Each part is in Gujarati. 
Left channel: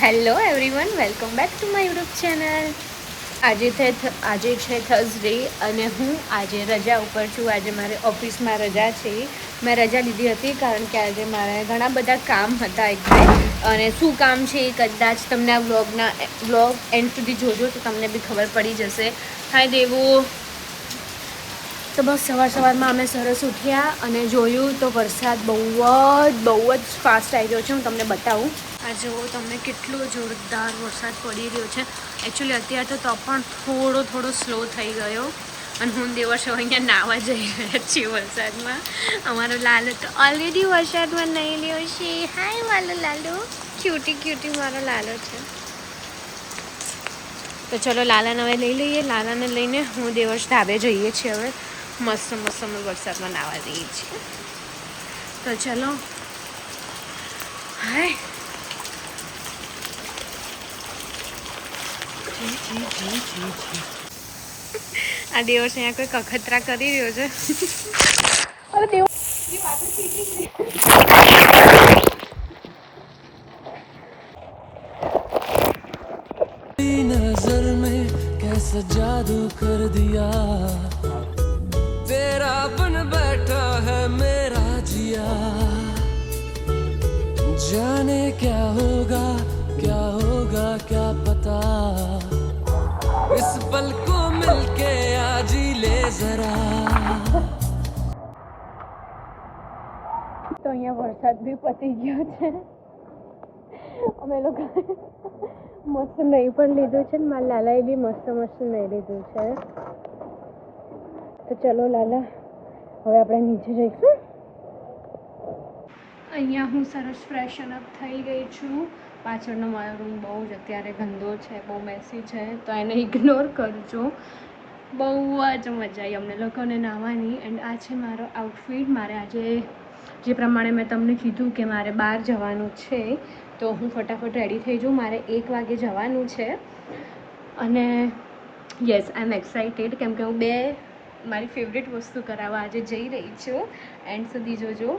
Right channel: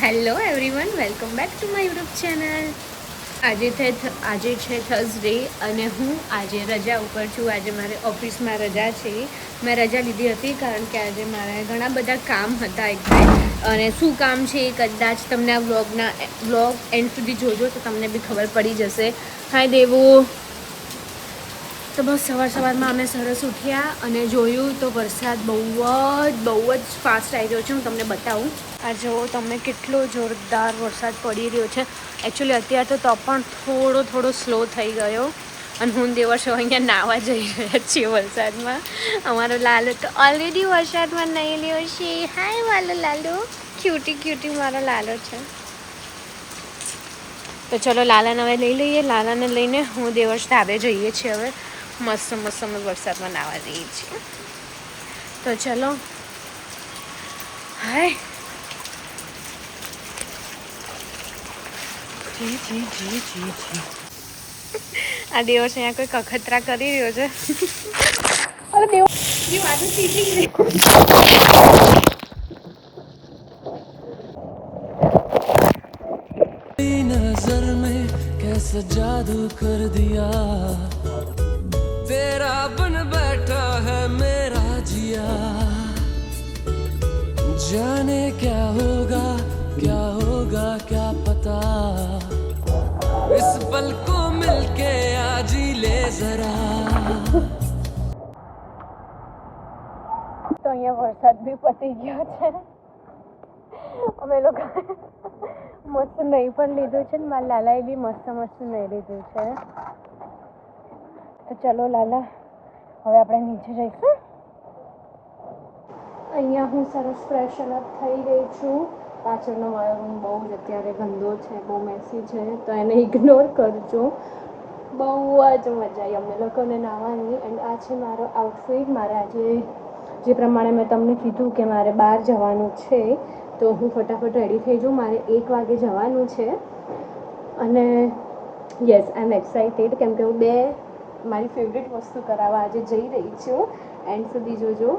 Hello everyone, welcome back to my YouTube channel. આજે છે થર્સડે અને હું આજે રજા ઉપર છું. આજે મારે ઓફિસમાં રજા છે. મેં રજા લીધી હતી કારણ કે આજે મારે ઘણા બધા કામ હતા એક બે, અને શું કામ છે એ કદાચ તમને આ વ્લોગ એન્ડ સુધી જોજો તો તમને બી ખબર પડી જશે. હાય દેવો. તો બસ સવારમાં અમે સરસ ઉઠ્યા અને જોયું તો વરસાદ બહુ જ ફાસ્ટ આવી રહ્યો છે. હું તમને બતાવું. આ જુઓ તમે, કેટલો જોરદાર વરસાદ પડી રહ્યો છે. એકચ્યુઅલી અત્યારે તો પણ થોડો સ્લો થઈ ગયો. અને હું દેવર્ષો અહીંયા નાહવા જઈ રહ્યા છીએ વરસાદમાં. અમારો લાલો તો ઓલરેડી વરસાદમાં નહીં લ્યો છે. હાય વાલો લાલો, ક્યુટી મારો લાલો છે. તો ચલો લાલાને હવે લઈ લઈએ. લાલાને લઈને હું દેવર્ષ ધાબે જઈએ છીએ. હવે મસ્ત અમે વરસાદમાં નાહવા જઈએ છીએ. તો ચલો. હાય જી. આ દેવર્ષ અહીંયા કોઈ કખતરા કરી રહ્યો છે. અરે દેવ વાતો શીખી ગઈ. नजर में कैसा जादू कर दिया, तेरा बन बैठा है मेरा जिया, जाने क्या होगा क्या पता, इस पल को मिलके आज ले जरा. તો અહીંયા વરસાદ બી પતી ગયો છે. અમે લોકો મસ્ત નહીં પણ લીધું છે ને મારા લાલાએ બી મસ્ત નહીં લીધું છે. તો ચલો લાલા, હવે આપણે નીચે જઈશું. અહીંયા હું સરસ ફ્રેશન અપ થઈ ગઈ છું. પાછળનો મારો રૂમ બહુ જ અત્યારે ગંદો છે, બહુ મેસી છે, તો એને ઇગ્નોર કરજો. બહુ જ મજા આવી અમને લોકોને નાહવાની. એન્ડ આ છે મારો આઉટફિટ. મારે આજે જે પ્રમાણે મેં તમને કીધું કે મારે બહાર જવાનું છે, તો હું ફટાફટ રેડી થઈ જાઉં. મારે 1 વાગે જવાનું છે અને યસ, આઈ એમ એક્સાઇટેડ, કેમ કે હું મારી ફેવરેટ વસ્તુ કરાવવા આજે જઈ રહી છું. એન્ડ સુધી જોજો.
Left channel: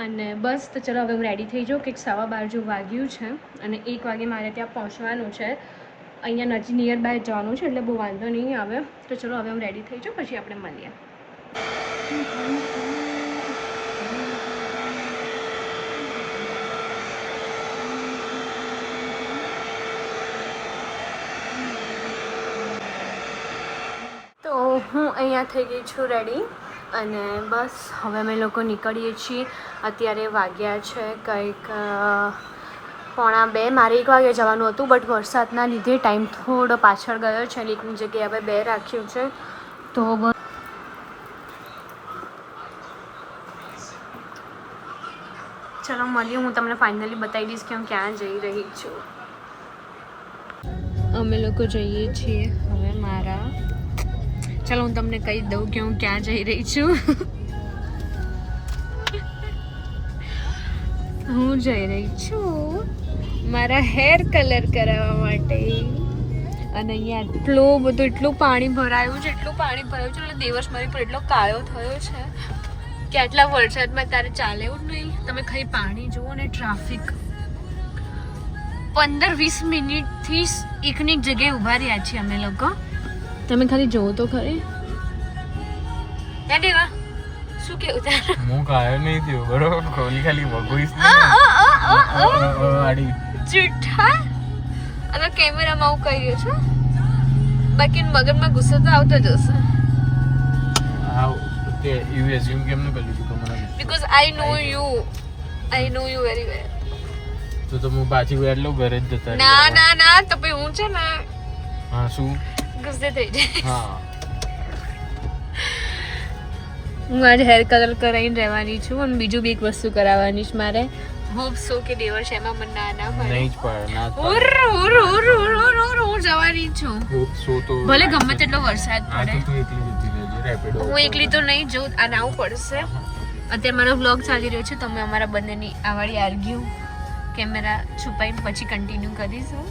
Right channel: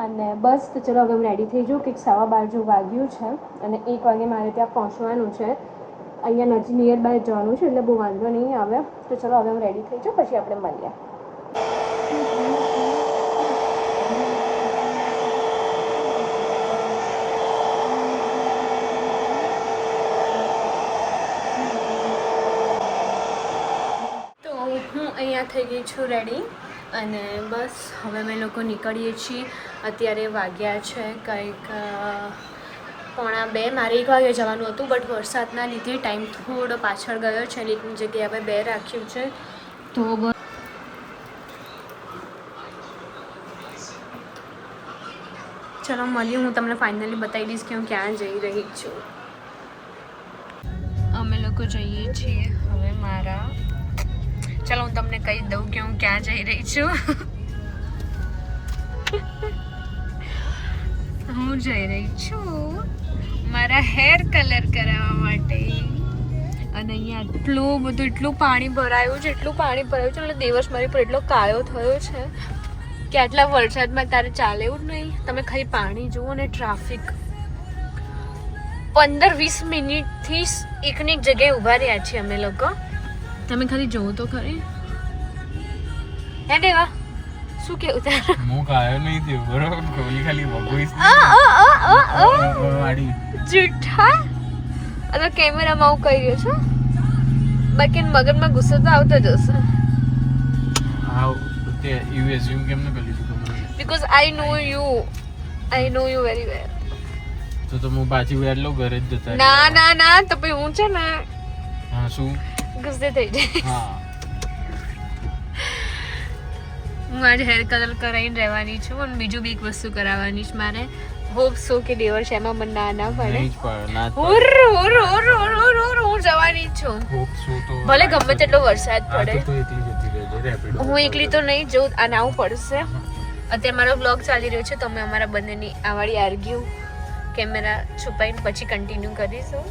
અને બસ, તો ચલો હવે હું રેડી થઈ જાઉં. કંઈક 12:15 જો વાગ્યું છે અને 1 વાગે મારે ત્યાં પહોંચવાનું છે. અહીંયા નજીક નિયર બાય જવાનું છે એટલે બહુ વાંધો નહીં આવે. તો ચલો હવે હું રેડી થઈ જાઉં, પછી આપણે મળીએ. હું અહીંયા થઈ ગઈ છું રેડી અને બસ હવે અમે લોકો નીકળીએ છીએ. અત્યારે વાગ્યા છે કંઈક 1:45. મારે 1 વાગે જવાનું હતું, બટ વરસાદના લીધે ટાઈમ થોડો પાછળ ગયો છે. લીકની જગ્યાએ હવે 2 રાખ્યું છે. તો ચલો મળીએ. હું તમને ફાઇનલી બતાવી દઈશ કે હું ક્યાં જઈ રહી છું. અમે લોકો જઈએ છીએ હવે મારા, ચાલો હું તમને કહી દઉં કે હું ક્યાં જઈ રહી છું. હું જઈ રહી છું મારા હેર કલર કરાવવા માટે. અને અહીંયા એટલું પાણી ભરાયું છે એટલે દિવસ મારી પર એટલો કાળો થયો છે કે આટલા વરસાદમાં તારે ચાલે એવું જ નહીં. તમે ખાલી પાણી જુઓ ને ટ્રાફિક. 15-20 મિનિટથી એકની એક જગ્યાએ ઊભા રહ્યા છીએ અમે લોકો. તમે ખાલી જોવો તો ખરી. હે દેવા, શું કેવું તારે? હું કાયો નહીં થયો બરોબર, કોલી ખાલી વગોઈસ જૂઠા. અને કેમેરામાં હું કહી રહ્યો છું, બાકી મગજમાં ગુસ્સો તો આવતો જ હશે. તે યુ એઝ્યુમ કેમ ન કરી દીધું મને? Because I know you very well. તો હું પાછી વેર લઉં ઘરે જ જતા. ના તો પછી હું છે ને, હા શું ગુસ્સે થઈ જાય. હા, હું આજે હેર કલર કરાવીને રહેવાની છું અને બીજું બી એક વસ્તુ કરાવવાની છે મારે. હોપ સો કે દેવર્ષ એમાં મને ના પડે. નહીં જ પડે ના જવાની છું. હોપ સો તો ભલે ગમે તેટલો વરસાદ પડે. તો એકલી જતી રહેજો રેપિડો. હું એકલી તો નહીં જઉં, આ નાવું પડશે. અત્યારે મારો વ્લોગ ચાલી રહ્યો છે તો અમે અમારા બંનેની આવાળી આર્ગ્યુ કેમેરા છુપાઈને પછી કન્ટિન્યુ કરીશું.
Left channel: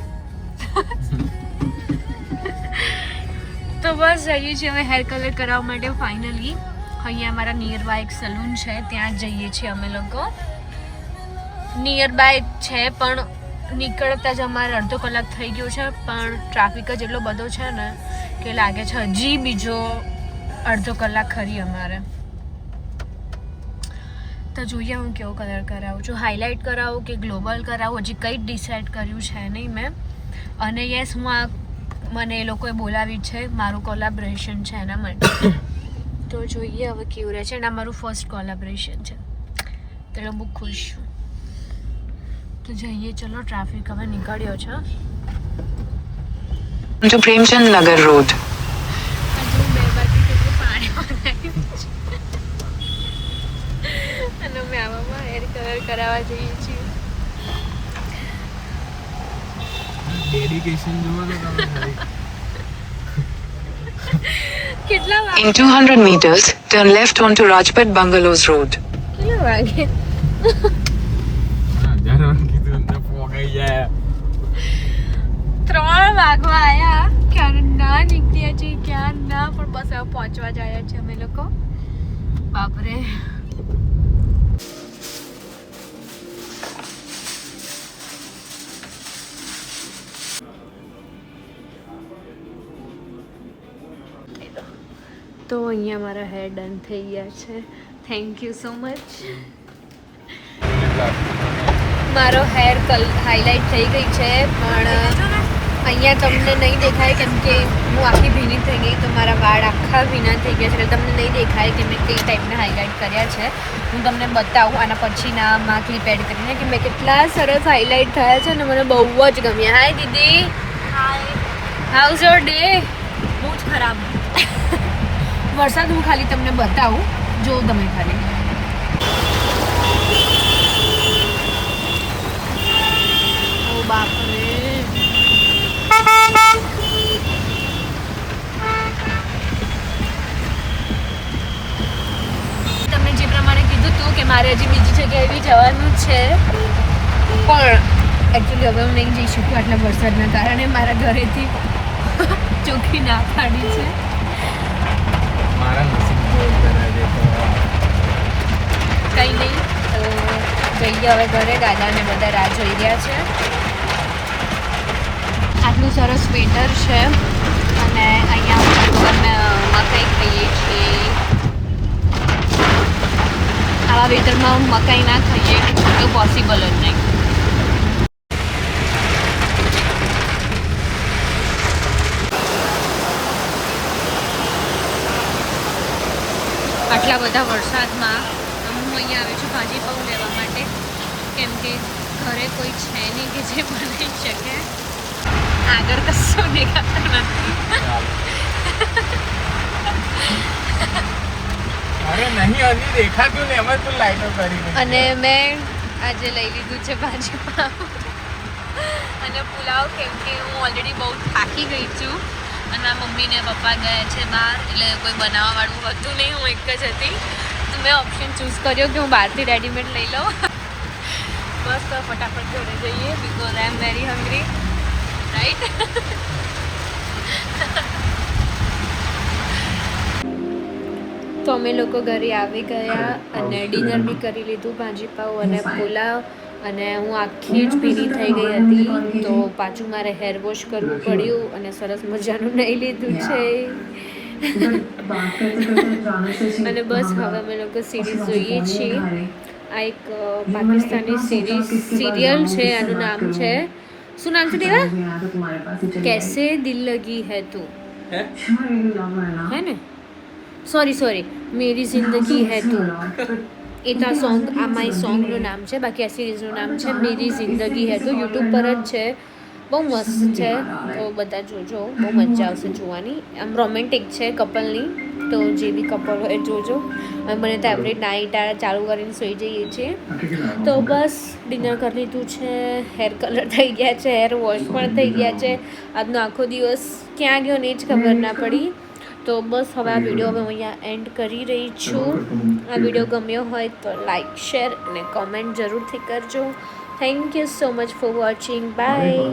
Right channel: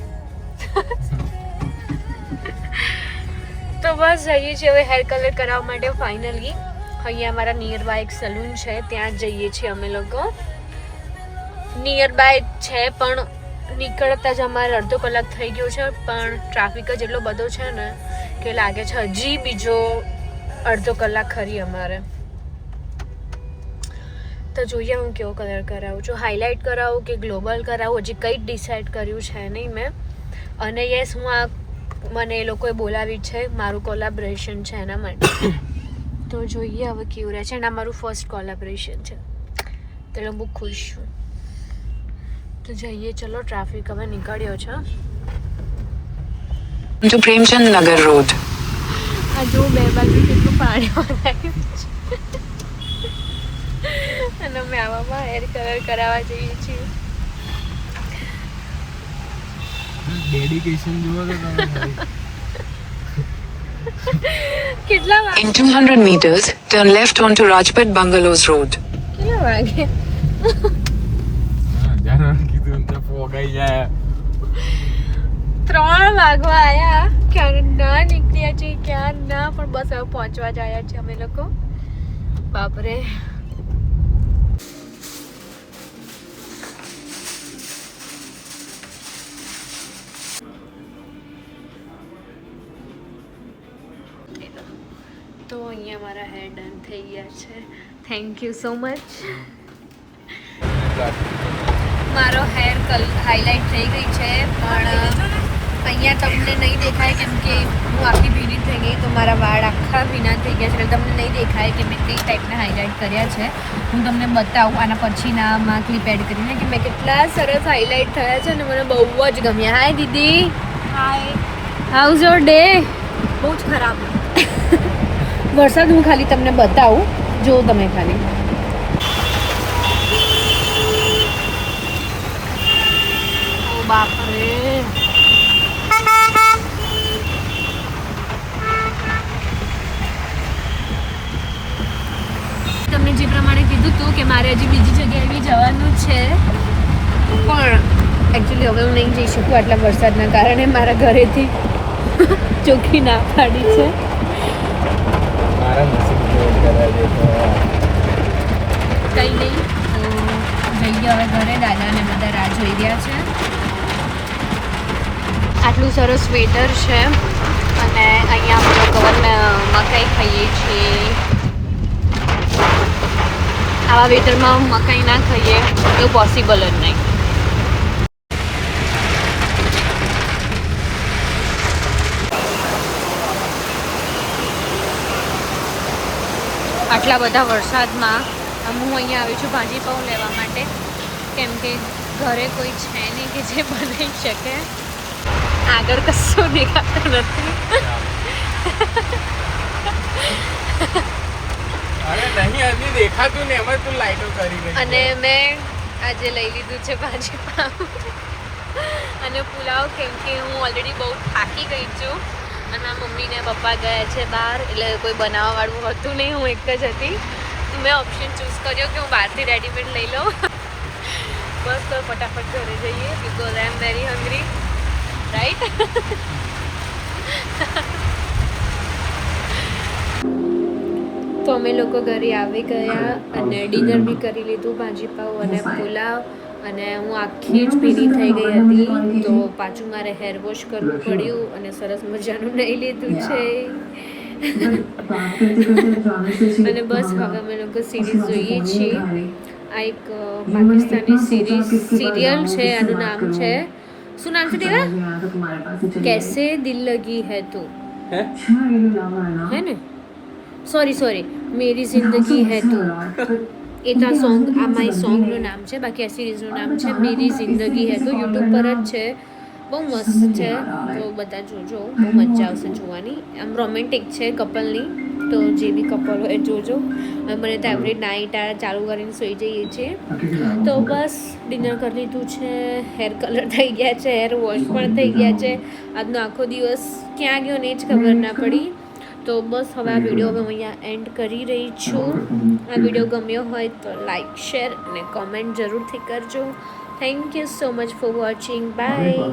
તો બસ જઈએ છીએ હવે હેર કલર કરાવવા માટે ફાઇનલી. અહીંયા અમારા નિયર બાય એક સલૂન છે, ત્યાં જઈએ છીએ અમે લોકો. નિયર બાય છે પણ નીકળતા જ અમારે અડધો કલાક થઈ ગયો છે, પણ ટ્રાફિક જ એટલો બધો છે ને કે લાગે છે હજી બીજો અડધો કલાક ખરી અમારે. તો જોઈએ હું કેવો કલર કરાવું છું, હાઇલાઇટ કરાવું કે ગ્લોબલ કરાવું, હજી કંઈ જ ડિસાઇડ કર્યું છે નહીં મેં. અને યસ, હું આ મને એ લોકોએ બોલાવી છે, મારું કોલાબ્રેશન છે એના માટે. તો જોઈએ હવે કેવું રહે છે. અને આ મારું ફર્સ્ટ કોલાબ્રેશન છે, એટલે બહુ ખુશ છું. તો જઈએ, ચલો. ટ્રાફિક હવે નીકળ્યો છે. to Premchand Nagar Road. આ જો બે બાજુ કેટલું પાણી ભરાયું છે. અને અમે આવામાં હેર કલર કરાવવા જઈએ છીએ. ડેડિકેશન જુઓ તો તમે ખાલી. કેટલા વાગે? In 200 meters, turn left onto Rajpat Bungalows Road. કેટલા વાગે? 1000 વાર કીધું અંદર પોગાઈ જાય. 3 વાગવા આયા, ક્યાં ના નીકળ્યા છે, ક્યાં ના, પણ બસ હવે પહોંચવા જ આવ્યા છે અમે લોકો. બાપરે. તો અહીંયા મારા હેર ડન થઈ ગયા છે. Thank you so much. મારો હેર હાઇલાઇટ થઈ ગઈ છે, પણ અહીંયા તમને નહીં દેખાય કેમ કે હું આખી ભીની થઈ ગઈ, તો મારા વાળ આખા ભીના થઈ ગયા છે, એટલે તમને નહીં દેખાય કે મેં કઈ ટાઈપના હાઇલાઇટ કર્યા છે. હું તમને બતાવું આના પછીનામાં ક્લિપ એડ કરીને કે મેં કેટલા સરસ હાઇલાઇટ થયા છે, અને મને બહુ જ ગમ્યા. હાય દીદી. હાય. How's your day? બહુ જ ખરાબ. વરસાદ હું ખાલી તમને બતાવું, જો તમે ખાલી. ઓ બાપરે. તમે જે પ્રમાણે કીધું હતું કે મારે હજી બીજી જગ્યાએ બી જવાનું છે, પણ એકચ્યુઅલી હવે હું નહીં જઈ શકું આટલા વરસાદના કારણે. મારા ઘરેથી ચોખ્ખી ના પાડી છે. મારા નસીબ કરાય કંઈ નહીં, તો જઈએ હવે ઘરે. દાદા અને બધા રાહ જોઈ રહ્યા છે. આટલું સરસ વેધર છે, અને અહીંયા અમે લોકો મકાઈ ખાઈએ છીએ. આવા વેધરમાં મકાઈ ના ખાઈએ તો પોસિબલ જ નહીં. આટલા બધા વરસાદમાં હું અહીંયા આવી છું ભાજીપાઉં લેવા માટે, કેમ કે ઘરે કોઈ છે નહીં કે જે બનાવી શકે. આગળ કશું દેખાતું નથી. નહીં દેખાતું ને અમે તો લાઈટો કરી. અને મેં આજે લઈ લીધું છે ભાજીપાઉં અને પુલાવ, કેમ કે હું ઓલરેડી બહુ થાકી ગઈ છું. અને મારા મમ્મી ને પપ્પા ગયા છે બહાર, એટલે કોઈ બનાવવાવાળું હતું નહીં, હું એક જ હતી. તો મેં ઓપ્શન ચૂઝ કર્યો કે હું બહારથી રેડીમેડ લઈ લઉં. બસ તો ફટાફટ ઘરે જઈએ, because I am very hungry, right? તો અમે લોકો ઘરે આવી ગયા અને ડિનર બી કરી લીધું, ભાજીપાઉં અને પુલાવ. અને હું આખી જ ભીની થઈ ગઈ હતી, તો પાછું મારે હેર વોશ કરવું પડ્યું અને સરસ મજાનું નહીં લીધું છે. અને બસ હવે અમે લોકો સિરીઝ જોઈએ છીએ. આ એક પાકિસ્તાની સિરિયલ છે, આનું નામ છે, શું નામ છે તેરા? कैसे दिल लगी है तू, है ने? સોરી, मेरी जिंदगी है तू. એ તો સોંગ, આ માય સોંગનું નામ છે, બાકી આ સિરીઝનું નામ છે મેરી જિંદગી હે. તો યુટ્યુબ પર જ છે, બહુ મસ્ત છે, તો બધા જોજો, બહુ મજા આવશે જોવાની. આમ રોમેન્ટિક છે કપલની, તો જે બી કપલ હોય જોજો. મને તો એવરી નાઇટ આ ચાલુ કરીને સૂઈ જઈએ છીએ. તો બસ ડિનર કરી લીધું છે, હેર કલર થઈ ગયા છે, હેર વોશ પણ થઈ ગયા છે. આજનો આખો દિવસ ક્યાં ગયો ને જ ખબર ના પડી. તો બસ હવે આ વિડીયો હવે હું અહીંયા એન્ડ કરી રહી છું. આ વિડીયો ગમ્યો હોય તો લાઈક, શેર અને કોમેન્ટ જરૂરથી કરજો. Thank you so much for watching. By.